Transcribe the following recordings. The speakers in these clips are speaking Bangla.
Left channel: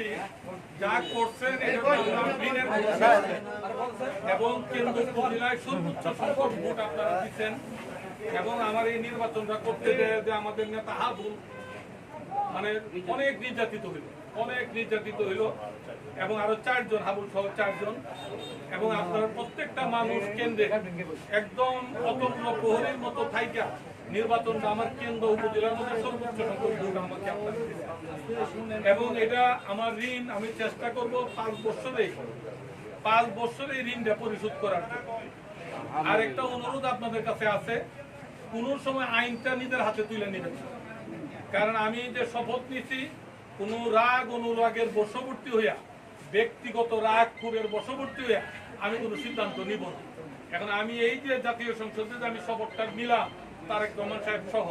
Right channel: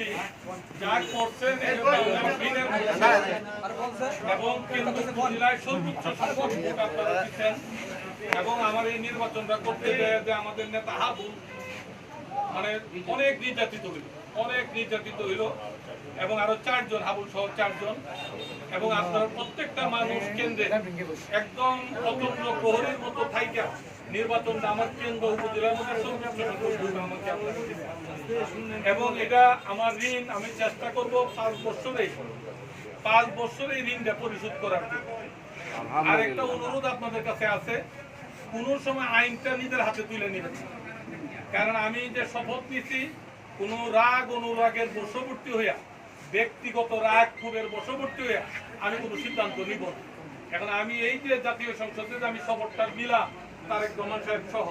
বলছি যা করছেন এবং কেন্দ্র উপজেলায় সর্বোচ্চ সংখ্যক ভোট আপনারা দিচ্ছেন এবং আমার এই নির্বাচনটা করতে যে আমাদের নেতা হাবুল মানে অনেক নির্যাতিত হইল এবং আরো 4 জন হাবুল সহ 4 জন এবং আপনার প্রত্যেকটা মানুষ কেন্দ্রে একদম অতপ্ন প্রহরীর মতো থাইকা নির্বাচনটা আমার কেন্দ্র উপজেলার মধ্যে সর্বোচ্চ সংখ্যক ভোট আমাকে আপনারা দিচ্ছেন এবং এটা আমার ঋণ আমি চেষ্টা করব 5 বছরে এই ঋণটা পরিশোধ করার জন্য। আর একটা অনুরোধ আপনাদের কাছে আছে, কোন সময় আইনটা নিজের হাতে তুলে নেবেন, কারণ আমি যে শপথ নিচ্ছি কোন রাগ অনুরাগের বশবর্তী হইয়া ব্যক্তিগত রাগ ক্ষোভের বশবর্তী হইয়া আমি কোনো সিদ্ধান্ত নিব না। এখন আমি এই যে জাতীয় সংসদে যে আমি শপথটা নিলাম তারেক রহমান সাহেব সহ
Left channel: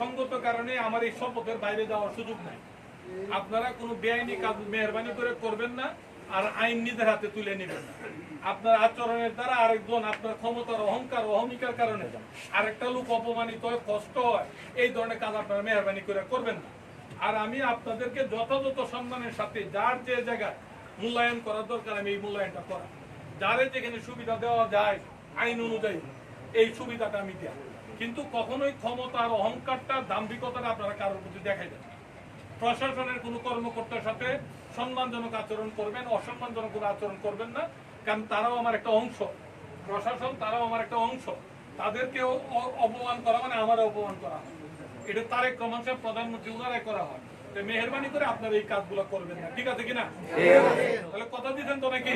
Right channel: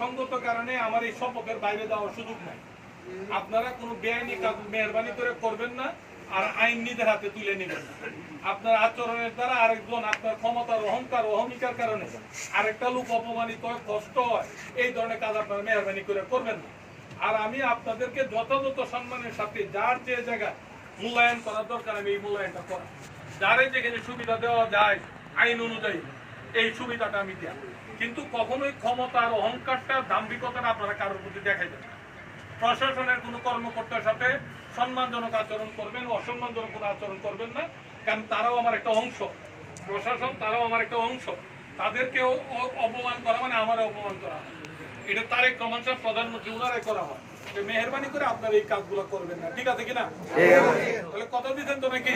সঙ্গত কারণে আমার এই শপথের বাইরে যাওয়ার সুযোগ নাই। আপনারা কোনো বেআইনি কাজ মেহরবানি করে করবেন না আর আইন নিজের হাতে তুলে নেবেন না। আপনার আচরণের দ্বারা আরেকজন আপনার ক্ষমতার অহংকার অহমিকার কারণে আরেকটা লোক অপমানিত হয়, কষ্ট হয়, এই ধরনের কাজ আপনারা মেহরবানি করে করবেন না। আর আমি আপনাদেরকে যথাযথ সম্মানের সাথে যার যে জায়গায় মূল্যায়ন করার দরকার আমি এই মূল্যায়নটা করা, যারে যেখানে সুবিধা দেওয়া যায় আইন অনুযায়ী এই সুবিধাটা আমি দেওয়া, কিন্তু কখনোই ক্ষমতার অহংকারটা দাম্ভিকতাটা আপনারা কারোর প্রতি দেখাইবেন না। প্রশাসনের কোনো কর্মকর্তার সাথে সম্মানজনক আচরণ করবেন, অসম্মানজনক কোনো আচরণ করবেন না, কারণ তারাও আমার একটা অংশ, প্রশাসন তারাও আমার একটা অংশ, তাদেরকেও অপমান করা মানে আমারও অপমান করা হয়। এটা তারেক রহমান সাহেব প্রধানমন্ত্রী উনারাই করা হয়। মেহরবানি করে আপনারা এই কাজগুলো করবেন না, ঠিক আছে কিনা? তাহলে কথা দিচ্ছেন তো নাকি?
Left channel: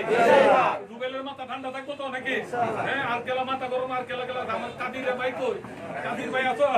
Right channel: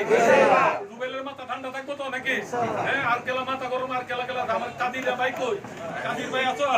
রুবেলের মাথা ঠান্ডা থাকবো তো নাকি? হ্যাঁ, আর কেলা মাথা গরম, আর কেলা আমার কাদির ভাই কই? কাদির ভাই আছো?